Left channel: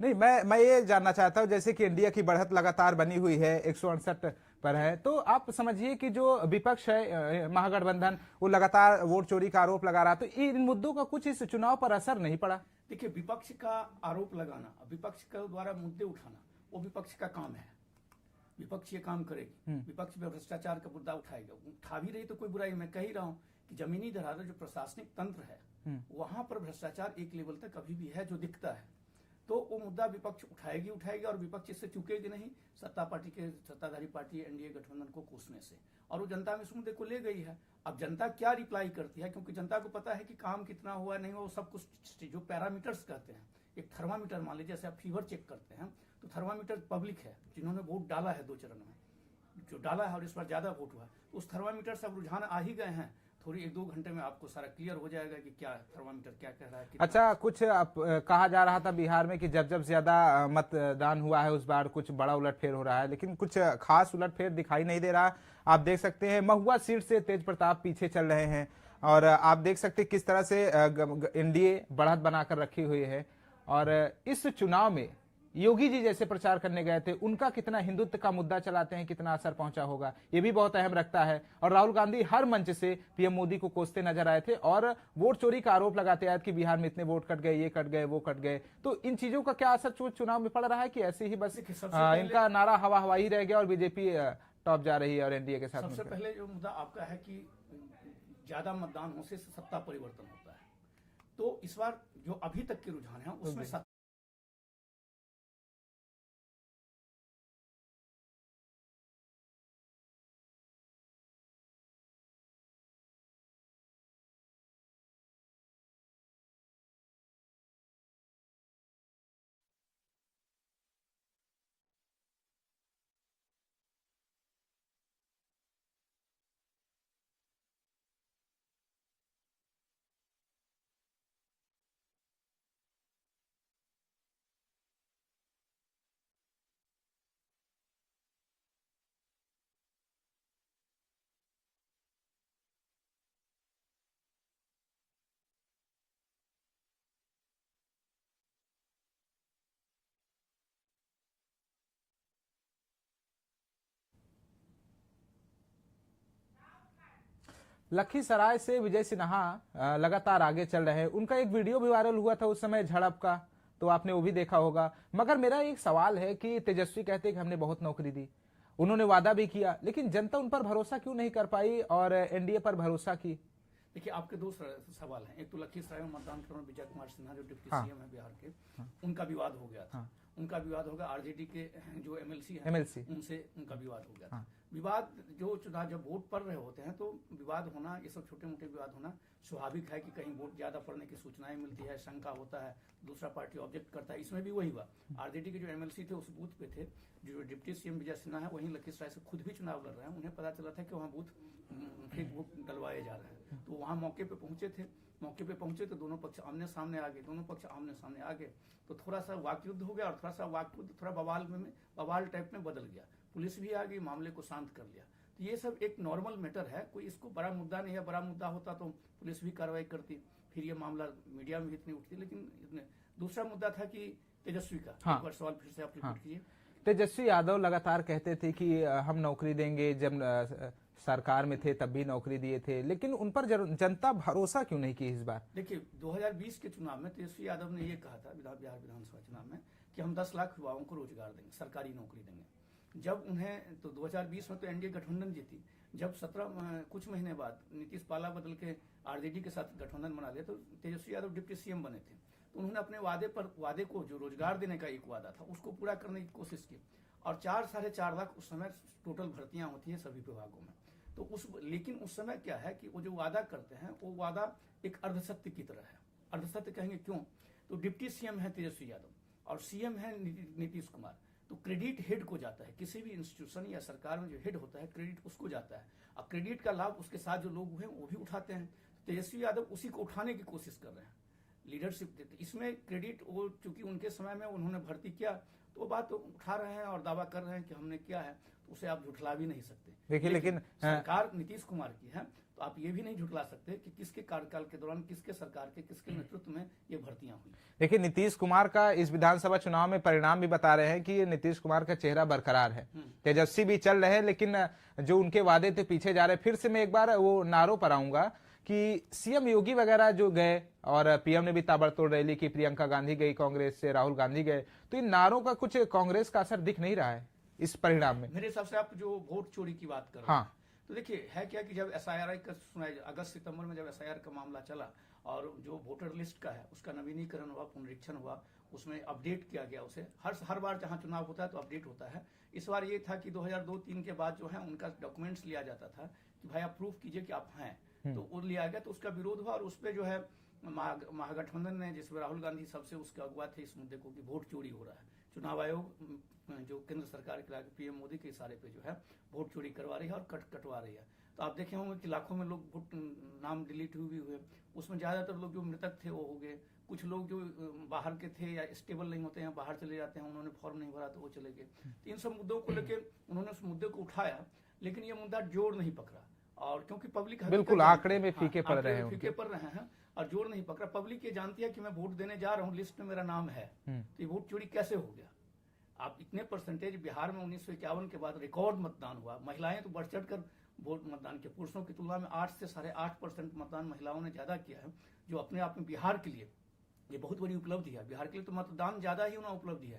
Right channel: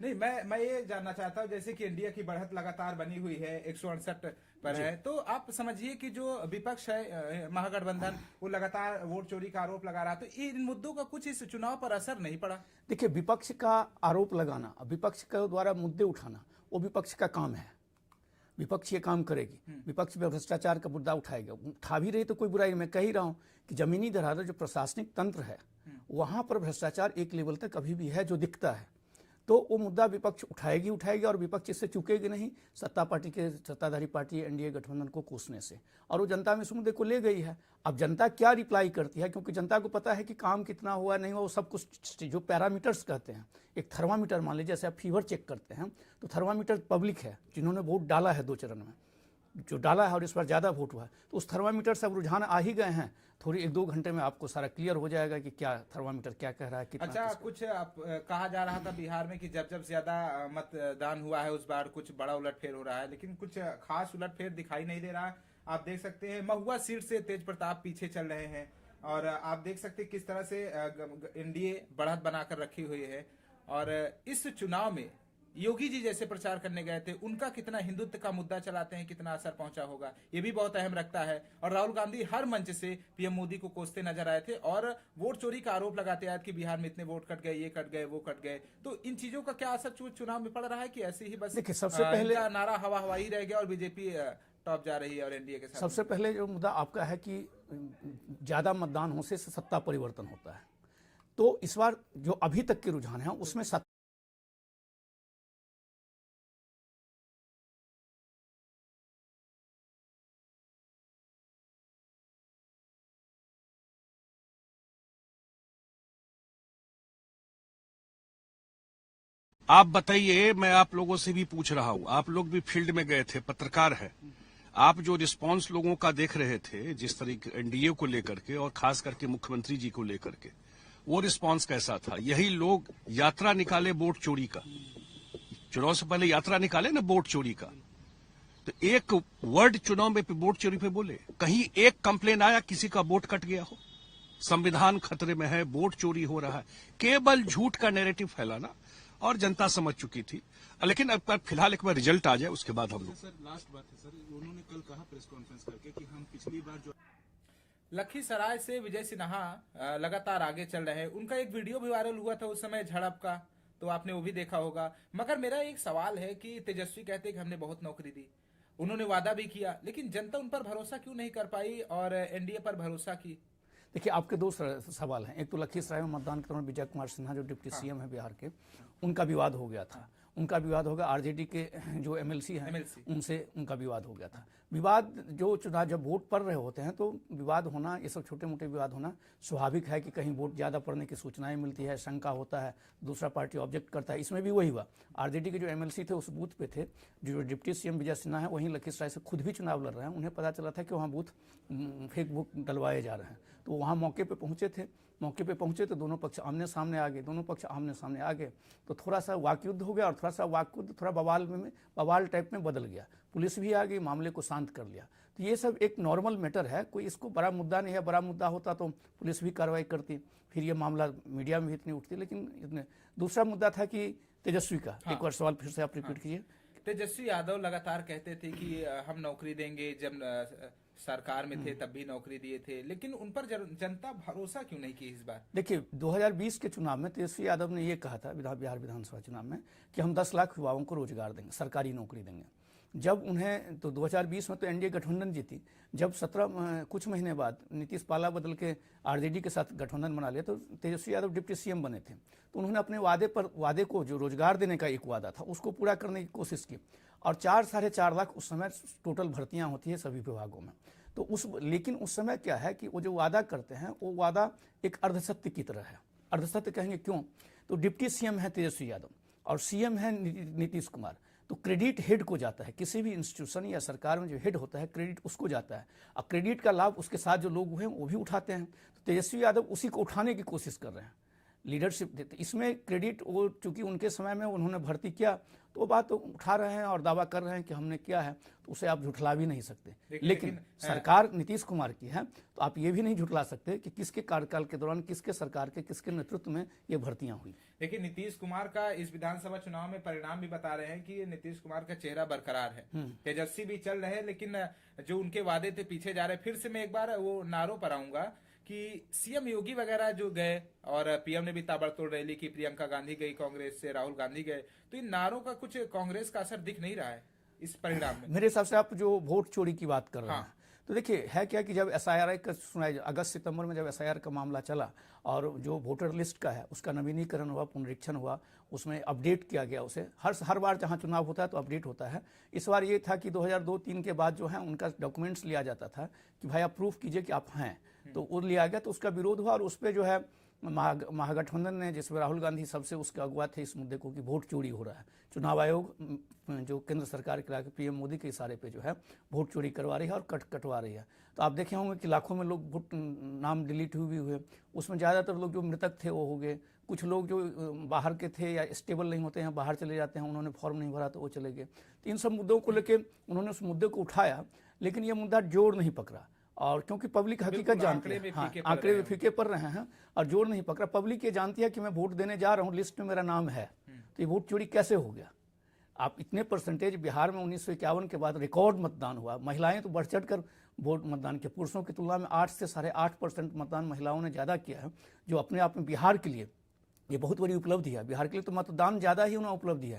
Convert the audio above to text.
नहीं, मैं ये जानना चाहता हूं, जैसे कि इंडिया की बढ़त लगातार बनी हुई है, 168 पर है, तो आप समझिए कि जो विपक्ष है महागठबंधन, वो लगातार वोट चोरी का आरोप लगा रहा, तो इन मुद्दों का कुछ इस चुनाव पर असर नहीं पड़ा? देखिए, विपक्ष का आरोप लगाना, विपक्ष के द्वारा मुद्दे उठाना, वो विपक्ष का काम है। विपक्ष ये काम करेगी, विपक्ष में भ्रष्टाचार का मुद्दा उठाएगा, उठा भी रही तो कोई बुराई। मैं कह ही रहा हूं कि जमीनी धरातल जो प्रशासनिक तंत्र है वहां पर भ्रष्टाचार एक लेवल तक अभी भी है जो दिखता है, तो वो मुद्दा विपक्ष उठाएगी और विपक्ष इससे चूकेगी नहीं, सत्ताधारी पार्टी एनडीए गठबंधन को कोसने से, और वो जनता में इस मुद्दे को ले गई है। अब जनता क्या रिप्लाई करती है, क्योंकि जनता को पता है कि काम कितना हुआ नहीं हुआ, वो सब कुछ जो पैरामीटर्स कहते हैं, एक थर्मामीटर मान लीजिए, जैसे आप फीवर चेक करते हैं तो थर्मामीटर पब्लिक है जिन्होंने वोट डाला है 2 चरण में, जो डाला है और इस बार ज़्यादा वोट हुआ है, तो उस थर्मामीटर से अब रुझान आ ही गए हैं। थोड़ी 1-2 घंटे में आपको सारा क्लियर हो जाएगा कि क्या थर्मामीटर क्या कह रहा है। अच्छा, कुछ कहा जा रहा था बिहार में कि जब ज्यादा मतदान हुआ है उस बार कुछ बड़ा उलटफेर हो रहा है, लेकिन कुछ खास उलटफेर दिखाई नहीं दे रहा। आप देख सकते हैं महुआ सीट से तेज प्रताप पीछे चल रहे हैं, और आप देख सकते हैं किस तरह से एनडीए बढ़त बनाकर रखी हुई है। और इस चुनाव में योगी जी जैसे प्रचार करने गए थे, उनका कितना हिंदुत्व का मुद्दा चलाते हैं, कितना असर पहुंचा होगा, ये भी बहुत अहम रखता है। और राहुल गांधी हर मंच से पीएम मोदी को कोसते नजर आए थे और वोट चोरी का आरोप लगाते आए कि बिहार में इतने वोट कट गए, ये कट गए, वो कट गए। तो इन चीजों का क्या असर चुनाव में पड़ रहा है कि ऐसे ही बस सबसे पहले इनका नारा हवा हवाई रह गया और बीजेपी टॉप जा रही है और एनडीए के साथ? सबसे पहले जो मुद्दा आपका है कि ज्यादा मतदान होने से सत्ता परिवर्तन होता है, तो इस बार जो अभी तक के रुझान है उसमें आप बताइए, मैं आप लोगों से भी पूछ रहा हूं, आप लोग भी फील्ड में गए थे, पत्रकार है, आप जो रिस्पांस लोगों का देख रहे थे जिस तरीके एनडीए को लेकर के और खास करके मुख्यमंत्री जी को लेकर के, वो रिस्पांस कैसा था? यही लोग यात्रा निकाले वोट चोरी का, चुनाव से पहले यात्रा निकाले ना वोट चोरी का, तो एक वर्ड चुनाव में वोट चोरी पे बोले? कहीं एक कंप्लेन आया किसी का वोट कट गया हो, संविधान खतरे में है, वोट चोरी हो रहा है? केवल झूठ का नैरेटिव फैलाना, और जनता समझ चुकी थी। लेकिन अब फिलहाल एक बार रिजल्ट आ जाए उसके बाद हम लोग। सर लास्ट बात है सर, उन्होंने कल कहा प्रेस कॉन्फ्रेंस करके कि हम पिछली बार जो लखीसराय से विजय सिन्हा लगातार आगे चल रहे हैं। उनका एक वीडियो भी वायरल हुआ था उस समय झड़प का, तो आपने वो भी देखा होगा। मगर मेरा एक सवाल है कि तेजस्वी कहते हैं कि हमने बहुत नौकरी दी, उन्होंने वादा भी किया, लेकिन जनता उन पर भरोसा क्यों नहीं कर पाई और एनडीए पर भरोसा की? देखिए, आपके 2 सवाल हैं। एक तो लखीसराय में मतदान के दौरान विजय कुमार सिन्हा जो डिप्टी सीएम है बिहार के, उनका विवाद हो गया था। उनका विवाद हो गया, आरजेडी के जो एमएलसी हैं उनसे उनका विवाद हो गया था। विवाद जो चुनाव जब वोट पड़ रहे होते हैं तो विवाद होना, ये सब छोटे मोटे विवाद होना स्वाभाविक है कि कहीं वोट ज़्यादा पड़ने की सूचनाएं मिलती है, शंका होता है, दूसरा पार्टी ऑब्जेक्ट करता है। इसमें भी वही हुआ। आरजेडी के जो एमएलसी थे उस बूथ पे थे, जो डिप्टी सीएम विजय सिन्हा है वहीं लखीसराय से खुद भी चुनाव लड़ रहे हैं। उन्हें पता चला था कि वहाँ बूथ फेक वोट डलवाए जा रहे हैं, तो वहाँ मौके पे पहुंचे तो दोनों पक्ष आमने सामने आ गए, तो थोड़ा सा वाकयुद्ध हो गया, और थोड़ा सा वाकयुद्ध थोड़ा बवाल टाइप में बदल गया। पुलिस भी आ गई, मामले को शांत कर लिया। तो ये सब एक नॉर्मल मैटर है, कोई इसको बड़ा मुद्दा नहीं है। बड़ा मुद्दा होता तो पुलिस भी कार्रवाई करती, फिर ये मामला मीडिया में भी इतनी उठती। लेकिन दूसरा मुद्दा था कि तेजस्वी का। एक बार सवाल फिर से आप रिपीट कीजिए। तेजस्वी यादव लगातार कहते थे कि हम नौकरी देंगे, जब सरकार में थे तब भी नौकरी दिए थे, लेकिन उन पर जनता भरोसा क्यों नहीं की इस बार? देखिए, 2020 के चुनाव में तेजस्वी यादव ने ये कहा था बिहार विधानसभा चुनाव में कि हम 10 लाख युवाओं को रोजगार देंगे, सरकारी नौकरी देंगे। जब उन्हें तो 2020 में तो एनडीए गठबंधन जीती, जब कुछ महीने बाद नीतीश पाला बदल के आरजेडी के साथ गठबंधन बना लिया तो तेजस्वी यादव डिप्टी सीएम बने थे। तो उन्होंने अपने वादे को, जो रोजगार देने का एक वादा था, उसको पूरा करने की कोशिश की। और 4-4.5 लाख उस समय टोटल भर्तियां होती है सभी विभागों में। तो लेकिन उस समय क्या है कि वो जो वादा करते हैं वो वादा एक अर्धसत्य की तरह है। अर्धसत्य कहेंगे क्यों? तो डिप्टी सीएम है तेजस्वी यादव और सीएम है नीतीश कुमार, तो क्रेडिट हेड को जाता है। किसी भी इंस्टीट्यूशन या सरकार में जो हेड होता है क्रेडिट उसको जाता है, और क्रेडिट का लाभ उसके साथ जो लोग हैं वो भी उठाते हैं। तो तेजस्वी यादव उसी को उठाने की कोशिश कर रहे हैं। लीडरशिप देते। इसमें क्रेडिट वो चूंकि उनके समय में उन्होंने भर्ती किया तो वो बात तो उठा रहे हैं और दावा कर रहे हैं कि हमने किया है, तो उसे आप झुठला भी नहीं सकते। लेकिन सरकार नीतीश कुमार की है तो आप ये भी नहीं झुठला सकते कि किसके कार्यकाल के दौरान किसके सरकार के किसके नेतृत्व में ये भर्तियां हुई। लेकिन नीतीश कुमार का इस विधानसभा चुनाव में परिणाम भी बता रहे हैं कि नीतीश कुमार का चेहरा बरकरार है, तेजस्वी भी चल रहे हैं, लेकिन जो उनके वादे थे पीछे जा रहे। फिर से मैं एक बार वो नारों पर आऊंगा कि सीएम योगी वगैरह जो गए और पीएम ने भी ताबड़तोड़ रैली की, प्रियंका गांधी गई कांग्रेस से, राहुल गांधी गए, तो इन नारों का कुछ कांग्रेस का असर दिख नहीं रहा है इस परिणाम में। मेरे हिसाब से आप जो वोट चोरी की बात कर रहे हैं, तो देखिए है क्या कि जब एसआईआर का सुनाई, अगस्त सितंबर में जब एसआईआर का मामला चला और जो वोटर लिस्ट का है उसका नवीनीकरण हुआ, पुनरीक्षण हुआ, उसमें अपडेट किया गया उसे। हर बार जहां चुनाव होता है तो अपडेट होता है। इस बार ये था कि 2002-3 के बाद जो है उनका डॉक्यूमेंट्स लिया जाता था कि भाई आप प्रूफ कीजिए कि आप हैं, तो वो लिया गया, तो उसका विरोध हुआ और उस पर जो है महागठबंधन ने, जिसमें राहुल गांधी सबसे उसके अगुआ थे इस मुद्दे को कि वोट चोरी हो रहा है, चुनाव आयोग जो केंद्र सरकार के लाके पीएम मोदी के इशारे पे जो है वोट चोरी करवा रही है और कटवा रही है। तो आप देखे होंगे कि लाखों में लोग वोट नाम डिलीट हुए, उसमें ज़्यादातर लोग जो मृतक थे वो हो गए, कुछ लोग जो बाहर के थे या स्टेबल नहीं होते हैं बाहर चले जाते हैं, उन्होंने फॉर्म नहीं भरा तो वो चले गए। तो इन सब मुद्दों को लेकर उन्होंने उस मुद्दे को उठाया, लेकिन ये मुद्दा जोर नहीं पकड़ा। और क्योंकि पब्लिक हकीकत आंकड़े में फीके पड़ रहे हैं और जोर नहीं पकड़ा। पब्लिक ये जानती है कि मैं वोट देने जा रहा हूँ, लिस्ट में मेरा नाम है, तो ये वोट चोरी कैसे हो गया। आप इतने परसेंटेज बिहार में 1951 के बाद रिकॉर्ड मतदान हुआ, महिलाएं तो बढ़ चढ़ कर वोट मतदान किया, पुरुषों की तुलना में 8 से 8.5% मतदान महिलाओं ने ज़्यादा किया है, जो अपने आप में बिहार के लिए ये बहुत बड़ी उपलब्धि है। बिहार के लिए तो मतदान ज़्यादा ही उन्हें उपलब्धि है,